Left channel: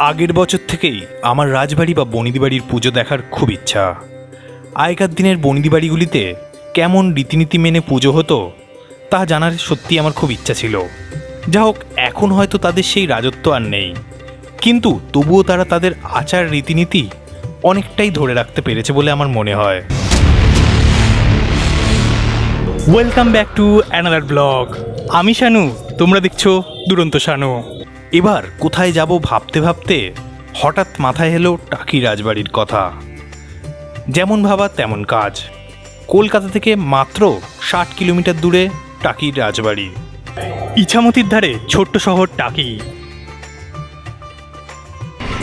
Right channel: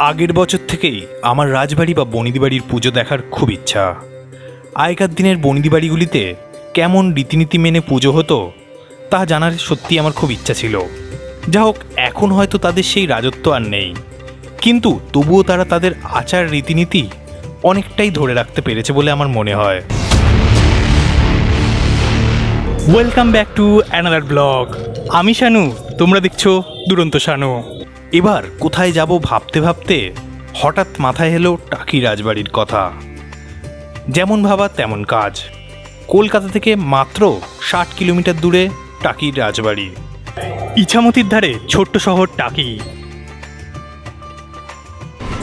আগের বছর থেকেই আমার রাজবাড়ি বা বনিদি বাড়ির পুজো দেখার খুব ইচ্ছা। আগেকার দিনের বনিদি বাড়িগুলিতে কেমন রীতিনীতি মেনে পুজো হতো, তা জানার সত্যি আমার খুব ইচ্ছা ছিল। যা হোক, এখন হয়তো তাদের সেই রাজত্ব আর নেই। কিন্তু তবুও তারা তাদের আচার রীতিনীতি অনেকটাই ধরে রাখতে পেরেছে বলে আমার মনে হয়। Welcome back to another blog আমি শানু, তোমরা দেখছ দুরন্ত শানু। এবার কোথায় যাব ভাবতে ভাবতে হঠাৎ মাথায় এলো টাকি রাজবাড়ির কথা। যেমন ভাবা তেমন কাজ। কলকাতা থেকে মাত্র ষাট কিলোমিটার দূরে টাকির রাজবাড়ি। ইছামতির ধারে ছোট্ট শহর টাকি।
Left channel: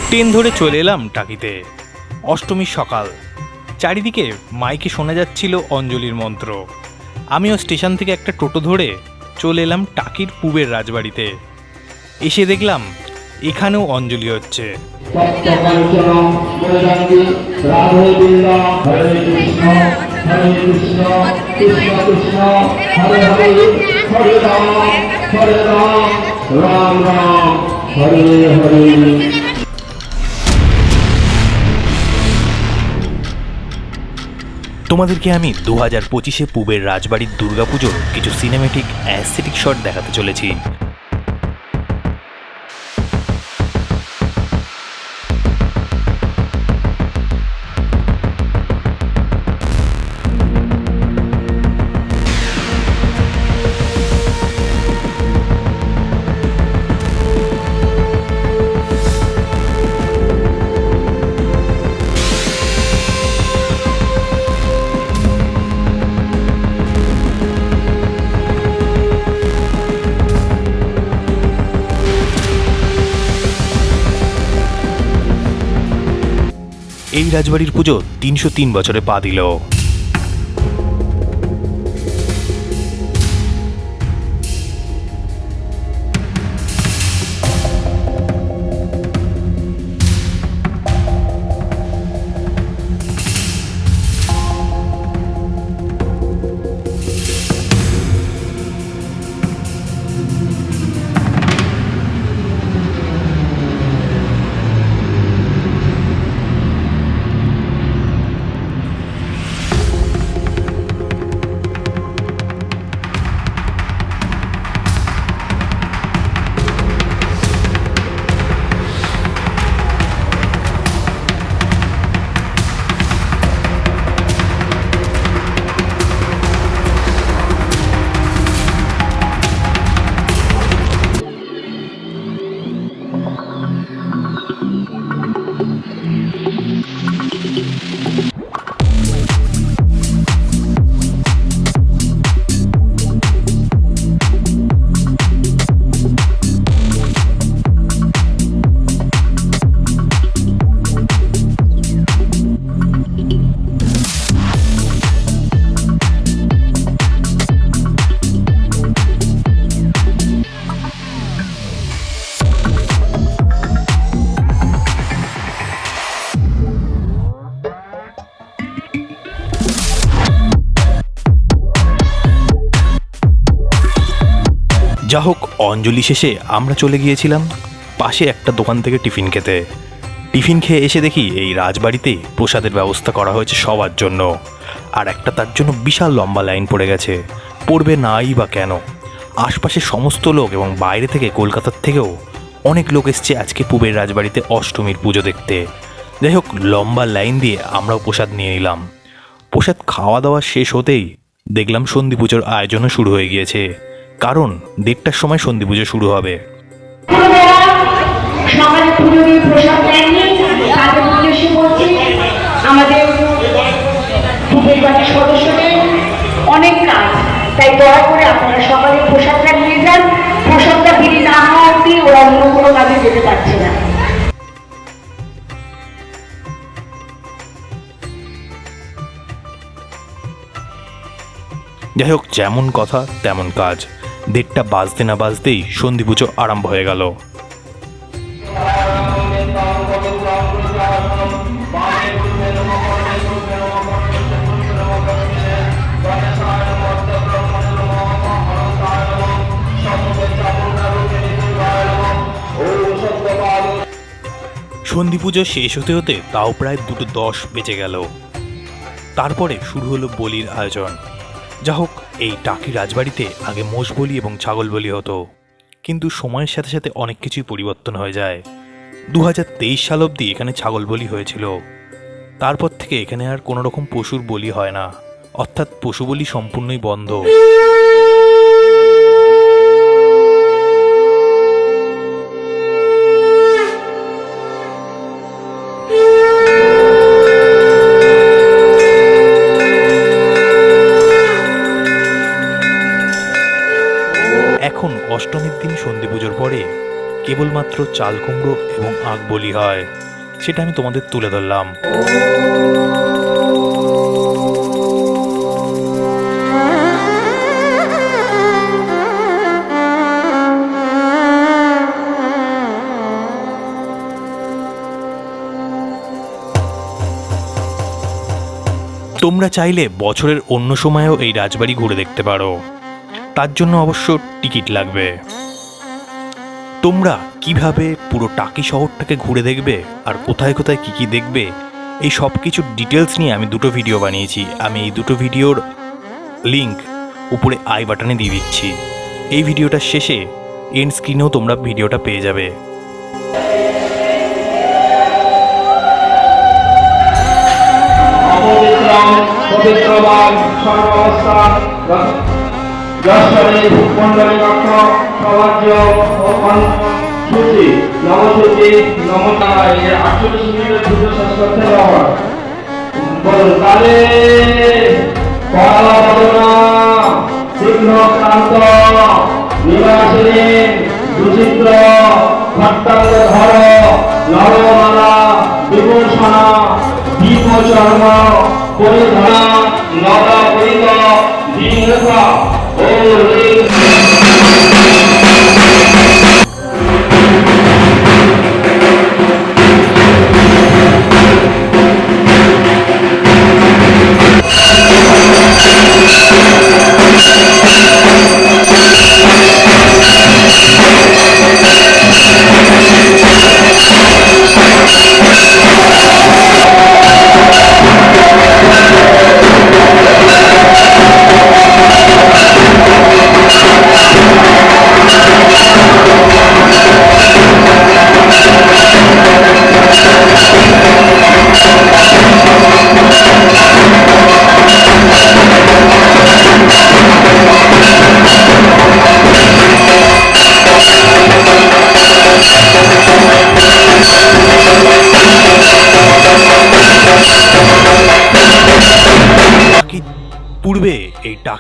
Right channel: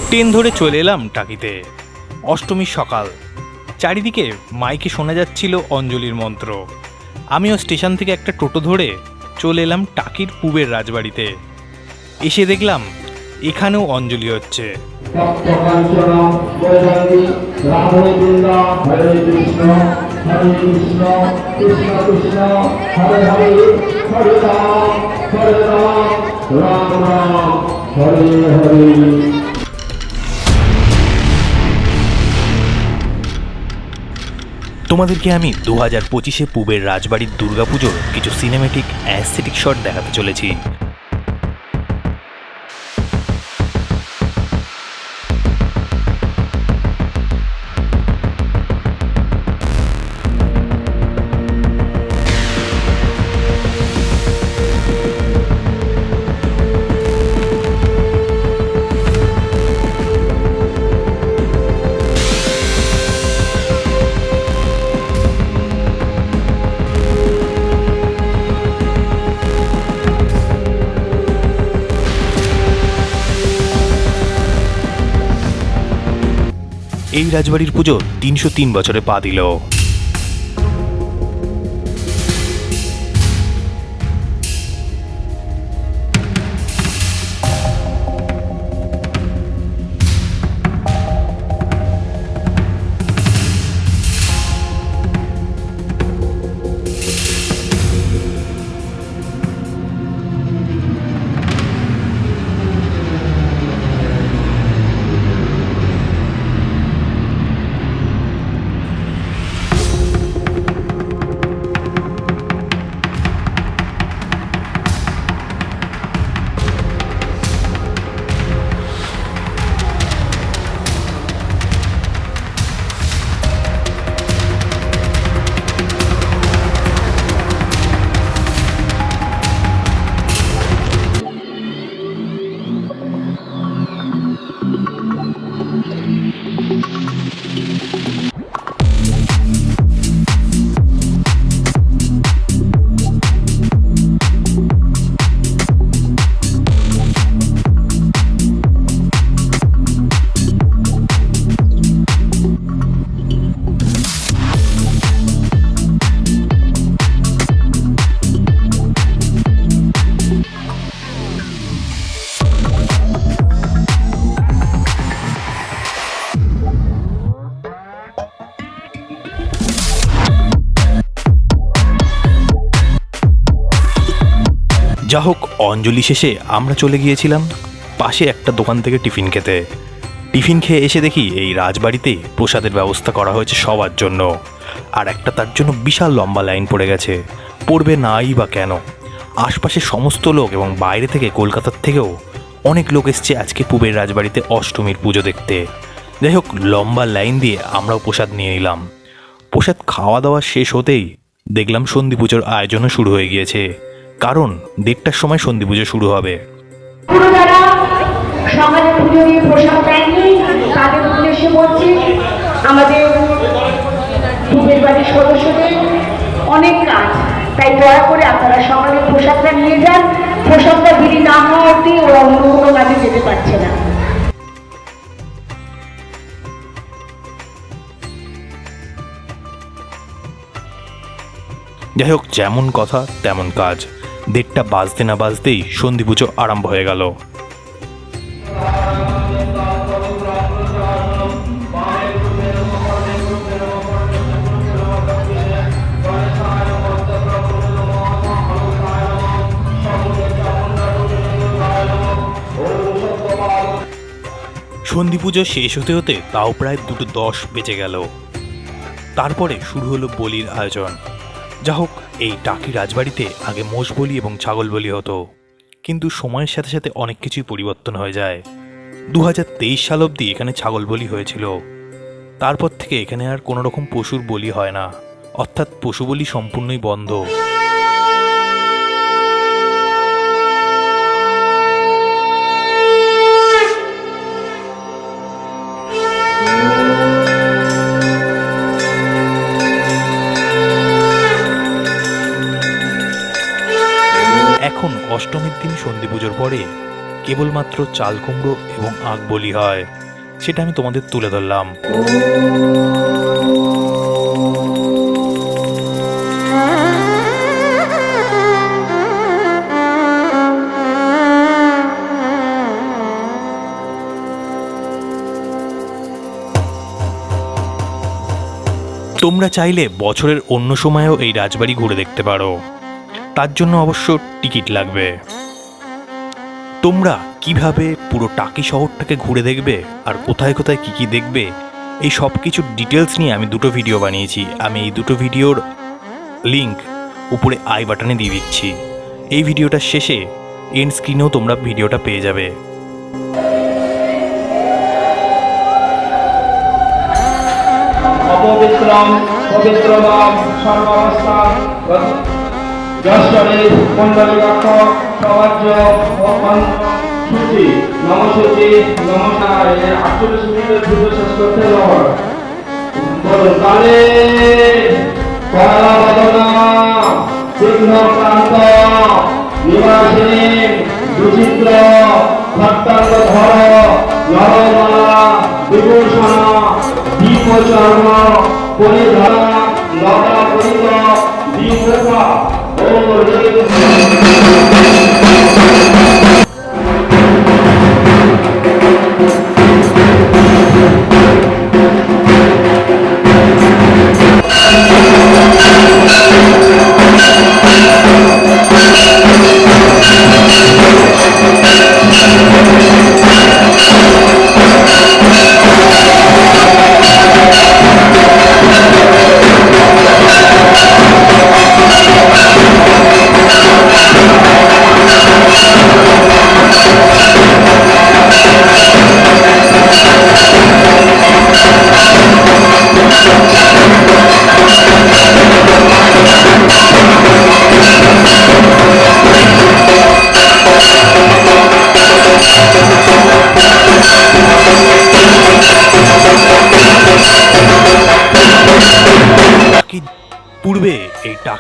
ট্রেন ধরে চলে এলাম টাকিতে। অষ্টমীর সকাল। চারিদিকে মাইকে শোনা যাচ্ছিল অঞ্জলির মন্ত্র। আমিও স্টেশন থেকে একটা টোটো ধরে চলে এলাম টাকির পুবের রাজবাড়িতে। এসে দেখলাম এখানেও অঞ্জলি হচ্ছে। রাম রাম হরে হরে। তোমাদেরকে আমি দু হাজার পঁচিশে পূবের রাজবাড়ির দুর্গাপুজোর কিছু সিনেমেটিক অ্যাসেটিক শট দেখাতে চলেছি। রাজবাড়ির পুজো তিনশো তিন বছরে পা দিল। যা হোক, অঞ্জলি শেষে আমরা চলে গিয়েছিলাম পাশে একটা দোকান থেকে টিফিন খেতে। টিফিন খেয়ে এসে দেখি এই রাজবাড়িতে প্রসাদের ব্যবস্থা করা হয়েছে সবার জন্য। আর একটা তার জন্য বিশাল লম্বা লাইন পড়ে গেছে। পড়বে নাই বা কেন? আশপাশের সমস্ত লোক এবং বাইরে থেকে কলকাতার থেকেও অনেক লোক এসছে আজকে পূবের রাজবাড়িতে অষ্টমীর পুজো দেখতে। যাই হোক, লম্বা লাইন দিয়ে আমরাও প্রসাদ নিয়ে নিলাম। প্রসাদ খাওয়া দাওয়া শেষ হতেই দেখলাম সন্ধি পুজোর আয়োজনও শুরু হয়ে গিয়েছে। কারণ দেড়টার সময় সন্ধি পুজো শুরু হবে। এখনও যারা সকালে পুজো দিয়ে প্রসাদ দেননি তাদের উদ্দেশ্যে বলছি আমাদের সদস্যদের অনেক কাজ। তাই দয়া করে আপনারা সকালে প্রসাদটা নিয়ে যান। প্রসাদটা বিলি না হওয়া অব্দি ওরা অন্য কোনো কাজে যেতে পারছে না। যাই হোক যেমন কথা তেমন কাজ। দেড়টা বাজতে না বাজতেই সন্ধি পুজো আরম্ভ হয়ে গেল। সন্ধি পুজো শেষ হতে হতে তাও প্রায় দুটো দশ বেজে গেল। তারপরে শুরু হলো বলির আয়োজন। যা হোক, এই টাকি রাজবাড়িতে আগে মোষ বলি এবং ছাগল বলি হতো। কিন্তু সময়ের সাথে সাথে অনেক কিছুই পরিবর্তন হয়ে যায়। দু হাজার তেইশ সাল অবধি এখানে ছাগল বলি হয়েছিল। তারপর থেকে এখানে আর কোনো রকম পশুর বলি হয় না। অর্থাৎ পশু বলি সম্পূর্ণই বন্ধ। অষ্টমীর দিন সন্ধি পুজোর পরে কেবলমাত্র চাল কুমড়ো এবং আগ বলি হয়। সেটা আমি তোমাদের তুলে ধরলাম। তোমরা চাইলে বছরের অন্য সময়েও এই রাজবাড়ি ঘুরে দেখতে পারো। তার জন্য অবশ্য টিকিট লাগবে। তোমরা কীভাবে পুরো টাকি শহরটাকে ঘুরে দেখবে আর কোথায় কোথায় কি কি দেখবে, এই সব কিছুর ডিটেলস নিয়ে আমি দুটো ভিডিও বানিয়েছি। আমি এই দুটো ভিডিওর লিংক উপরে আই বাটনে দিয়ে দিচ্ছি। এই ভিডিওটা শেষে এন্ড স্ক্রিনেও তোমরা ভিডিওটা পেয়ে যাবে। অপবিত্রম পবিত্রবান মণ্ডলী অর্থ সবাজ্য ও সূচি। নমসূচি এই আটচল্লিশ মিনিটের দুটো শেষ করতে যাওয়ার বলুন তালে কলাবদনা বিঘ্ন ক্রান্ত নিবাসিনী দুচিত্র ভট্টাঙ্গ ধর নরমালা বিভূষণা দীপচর্ম পরিধরা নবা পরিত দীপা Thank you.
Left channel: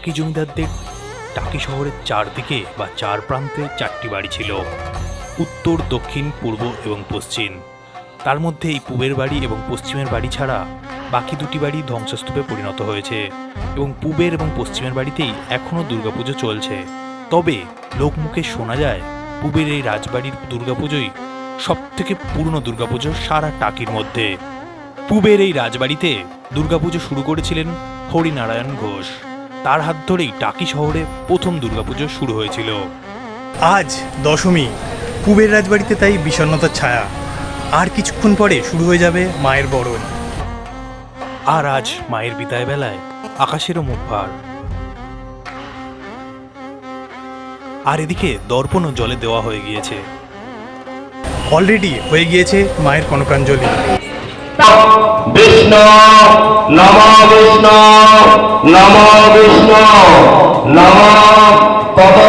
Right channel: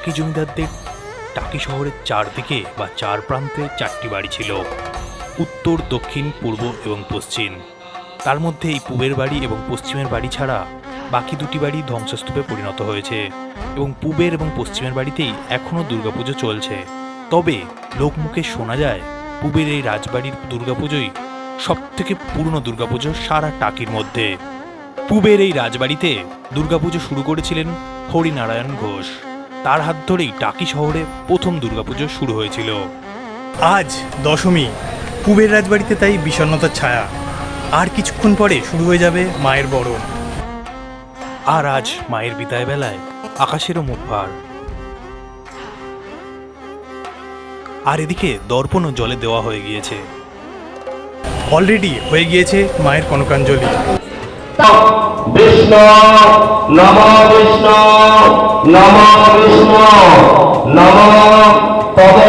টাকি জমিদারদের। টাকি শহরের চারদিকে বা চার প্রান্তে চারটি বাড়ি ছিল। উত্তর, দক্ষিণ, পূর্ব এবং পশ্চিম। তার মধ্যে এই পূবের বাড়ি এবং পশ্চিমের বাড়ি ছাড়া বাকি দুটি বাড়ি ধ্বংসস্তূপে পরিণত হয়েছে এবং পূবের এবং পশ্চিমের বাড়িতেই এখনও দুর্গাপুজো চলছে। তবে লোকমুখে শোনা যায়, পূবের এই রাজবাড়ির দুর্গাপুজোই সব থেকে পুরনো দুর্গাপুজো সারা টাকির মধ্যে। পূবের এই রাজবাড়িতে দুর্গাপুজো শুরু করেছিলেন হরিনারায়ণ ঘোষ। তার হাত ধরেই টাকি শহরে প্রথম দুর্গাপুজো শুরু হয়েছিল। আজ দশমী। পূবের রাজবাড়িতে তাই বিষণ্ণতার ছায়া। আর কিছুক্ষণ পরে শুরু হয়ে যাবে মায়ের বরণ। আর আজ মায়ের বিদায় বেলায় আকাশেরও মুখ ভার। আর এদিকে দর্পণও জলে দেওয়া হয়ে গিয়েছে। অলরেডি হয়ে গিয়েছে মায়ের কনকাঞ্জলি। নম বিষ্ণু নম বিষ্ণু নম পদ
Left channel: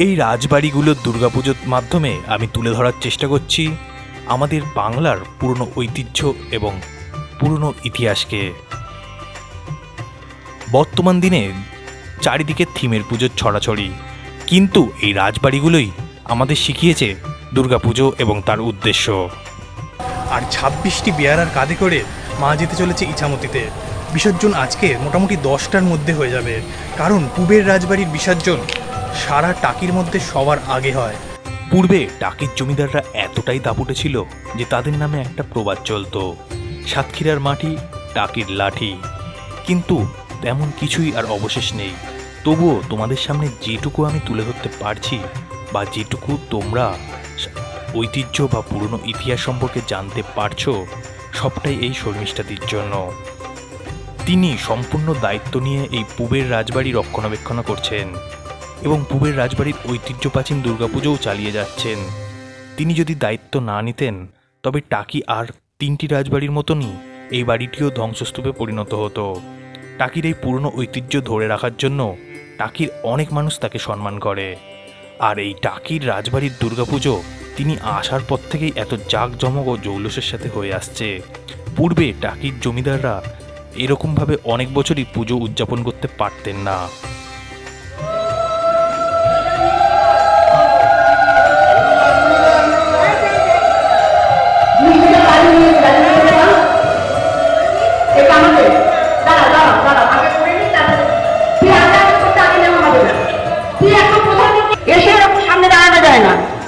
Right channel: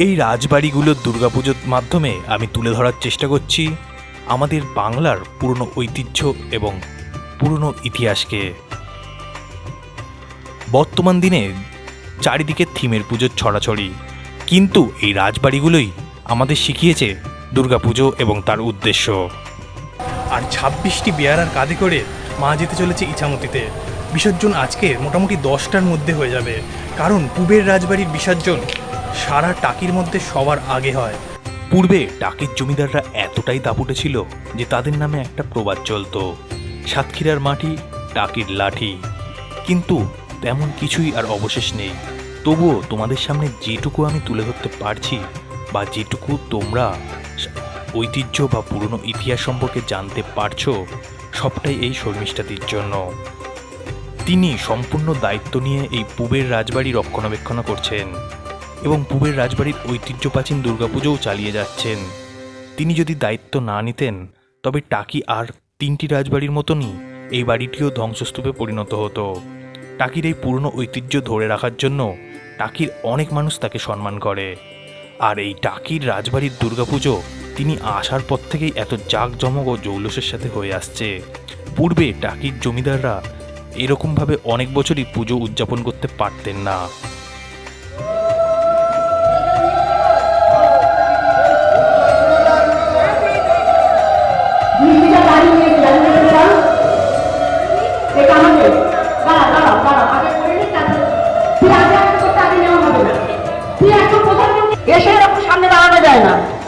এই রাজবাড়িগুলোর দুর্গাপুজোর মাধ্যমে আমি তুলে ধরার চেষ্টা করছি আমাদের বাংলার পুরনো ঐতিহ্য এবং পুরনো ইতিহাসকে। বর্তমান দিনে চারিদিকে থিমের পুজোর ছড়াছড়ি, কিন্তু এই রাজবাড়িগুলোই আমাদের শিখিয়েছে দুর্গাপুজো এবং তার উদ্দেশ্য। আর ছাব্বিশটি বেয়ারার কাঁধে করে মা যেতে চলেছে ইছামতিতে। বিসর্জন আজকে মোটামুটি দশটার মধ্যে হয়ে যাবে। কারণ পূবের রাজবাড়ির বিসর্জন সারা টাকির মধ্যে সবার আগে হয়। পূর্বে টাকির জমিদাররা এতটাই দাপুটে ছিল যে তাদের নামে একটা প্রবাদ চলতো। সাতক্ষীরার মাটি টাকির লাঠি। কিন্তু তেমন কিছুই আর অবশেষ নেই। তবুও তোমাদের সামনে যেটুকু আমি তুলে ধরতে পারছি বা যেটুকু তোমরা ঐতিহ্য বা পুরনো ইতিহাস সম্পর্কে জানতে পারছ, সবটাই এই শর্মিষ্ঠাদির জন্য। তিনি সম্পূর্ণ দায়িত্ব নিয়ে এই পূবের রাজবাড়ি রক্ষণাবেক্ষণ করছেন এবং পূবের রাজবাড়ির ঐতিহ্য প্রাচীন দুর্গাপুজোও চালিয়ে যাচ্ছেন। তিনি যদি দায়িত্ব না নিতেন, তবে টাকি আর তিনটি রাজবাড়ির মতনই এই বাড়িটিও ধ্বংসস্তূপে পরিণত হতো। টাকির এই পুরনো ঐতিহ্য ধরে রাখার জন্য টাকির অনেক মানুষ তাকে সম্মান করে। আর এই টাকির রাজবাড়ির দুর্গাপুজো তিনি আসার পর থেকেই এত জাঁকজমক ও জৌলসের সাথে হয়ে আসছে। পূর্বে টাকির জমিদাররা এরকমভাবে অনেক বছরই পুজো উদযাপন করতে পারতেন না। যায় না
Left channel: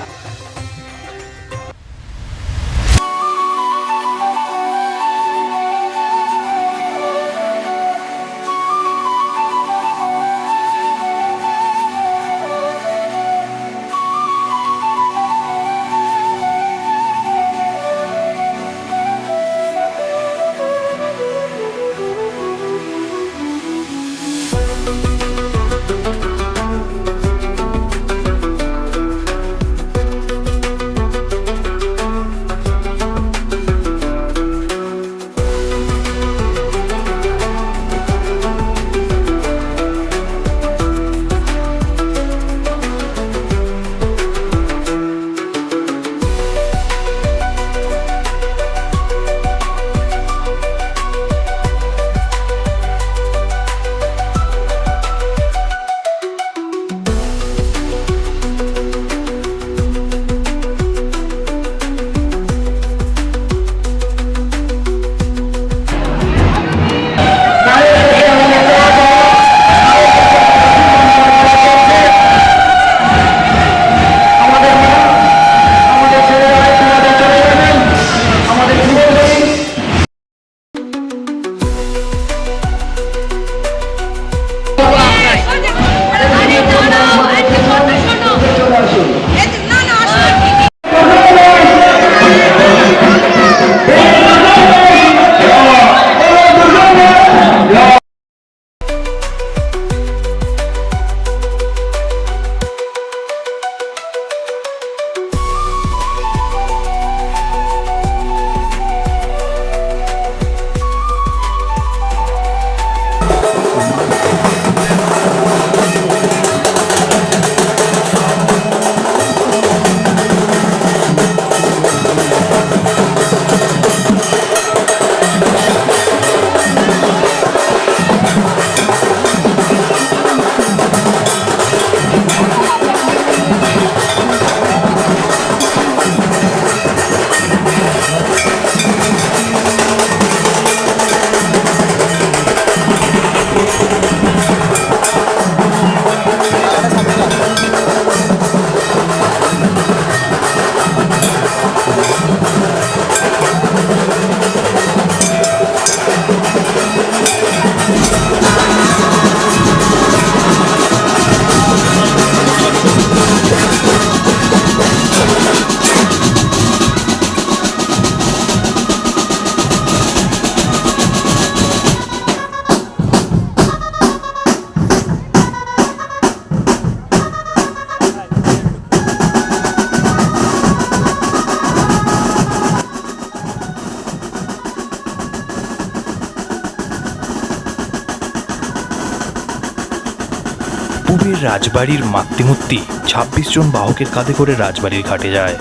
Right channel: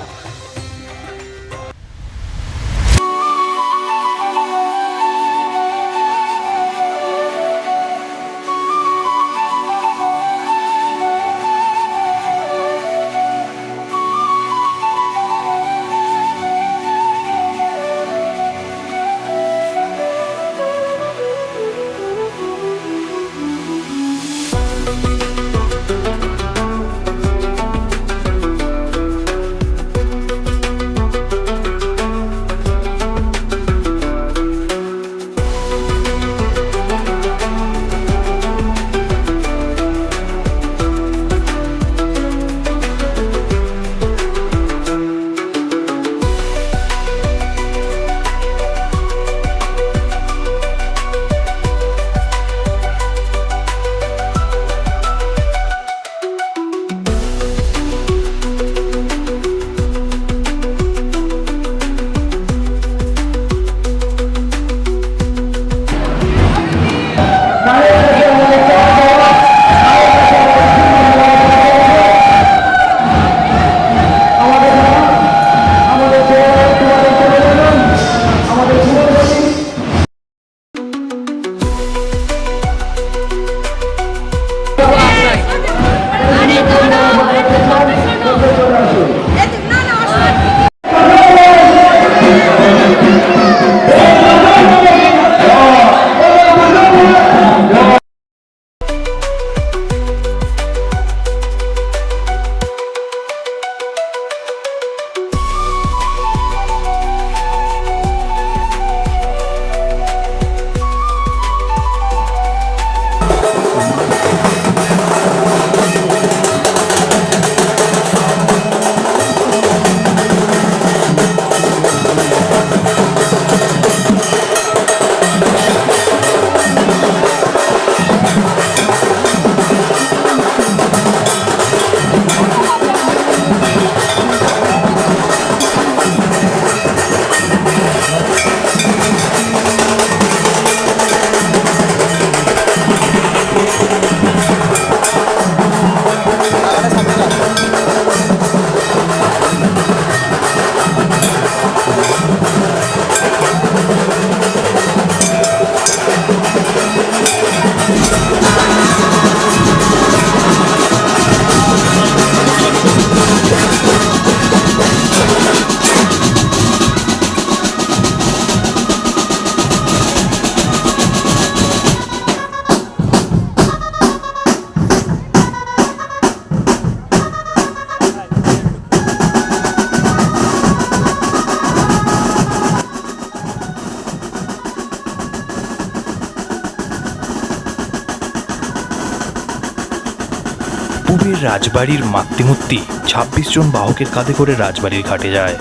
রাজবাড়ির মাতৃমূর্তি ছাব্বিশ জন বাহকের কাঁধে করে রাজবাড়ির ঘাটে যায়।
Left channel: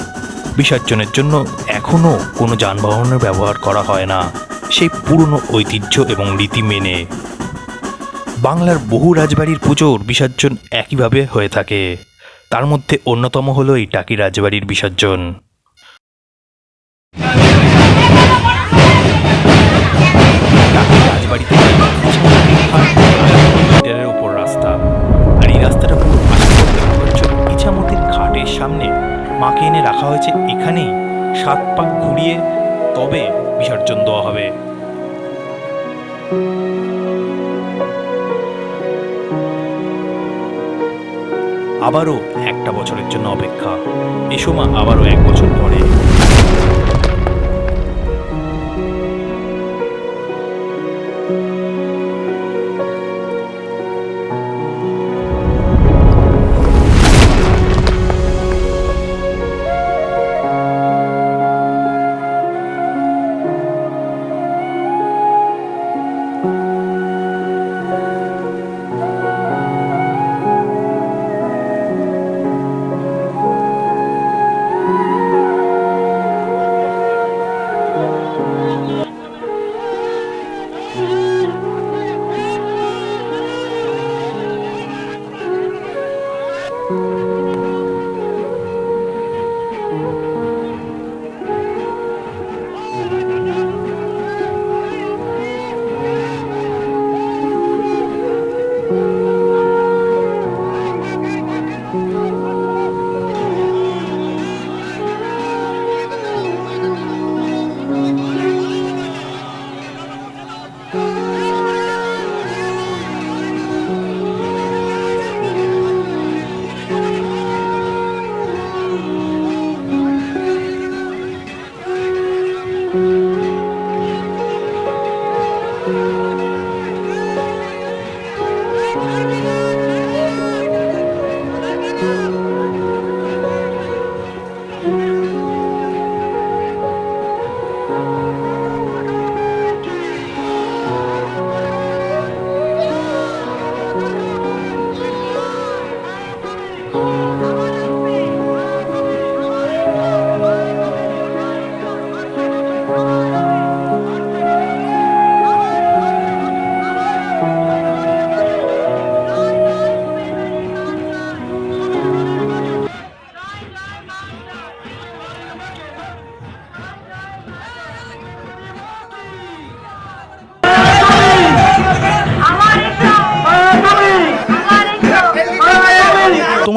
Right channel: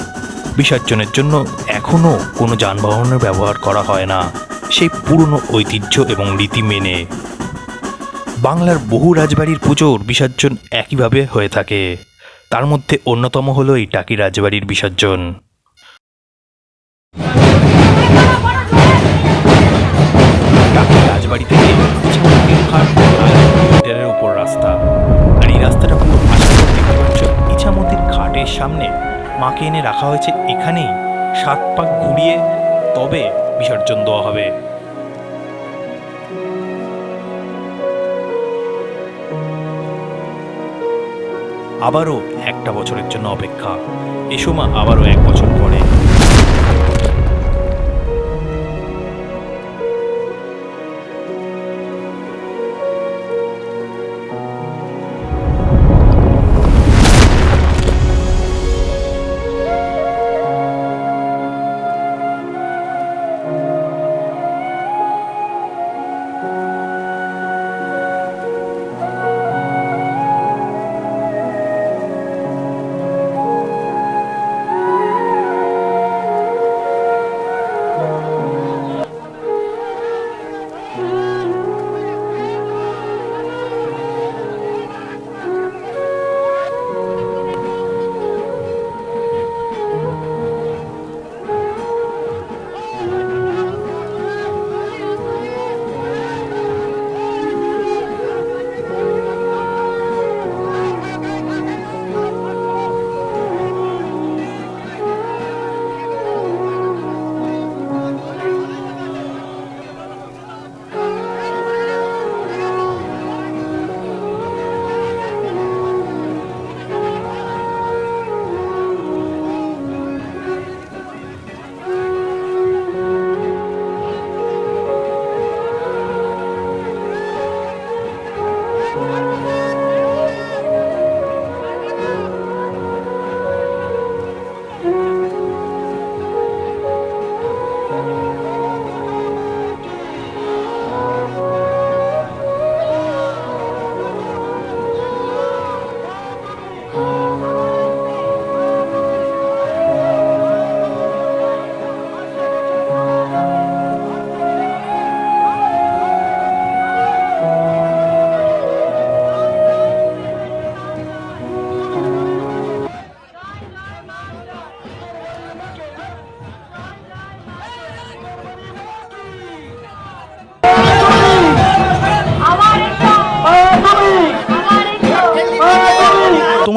বিসর্জনের জন্য এখনও কোনো যানবাহনের ব্যবহার করা হয় না। সেই পুরনো ঐতিহ্য এবং রীতি মেনে। বাংলার বহু রাজবাড়ির পুজোর বিসর্জন একইভাবে হয়ে থাকে। তার মধ্যে অন্যতম হলো এই টাকি রাজবাড়ির বিসর্জন। টাকি রাজবাড়ি থেকে উপর রাস্তা। ঘাটের সামনে মাকে এনে রাখা হয়েছে এখানেই। সাত পাক ঘুরিয়ে তবে বিসর্জন দেওয়া হবে। আবারও একটা বছরের জন্য অপেক্ষা। এসো মা, আবারও এক বছর পরে।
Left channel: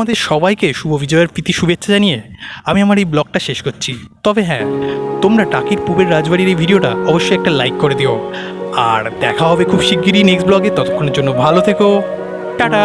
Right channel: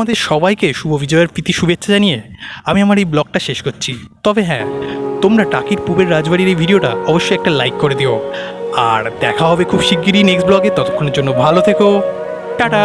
তোমাদের সবাইকে শুভ বিজয়ের প্রীতি শুভেচ্ছা জানিয়ে আমি আমার এই ব্লগটা শেষ করছি। তবে হ্যাঁ তোমরা টাকির পুবের রাজবাড়ির এই ভিডিওটা অবশ্যই একটা লাইক করে দিও। আর দেখা হবে খুব শিগগিরই নেক্সট ব্লগে ততক্ষণের জন্য ভালো থেকো। টাটা!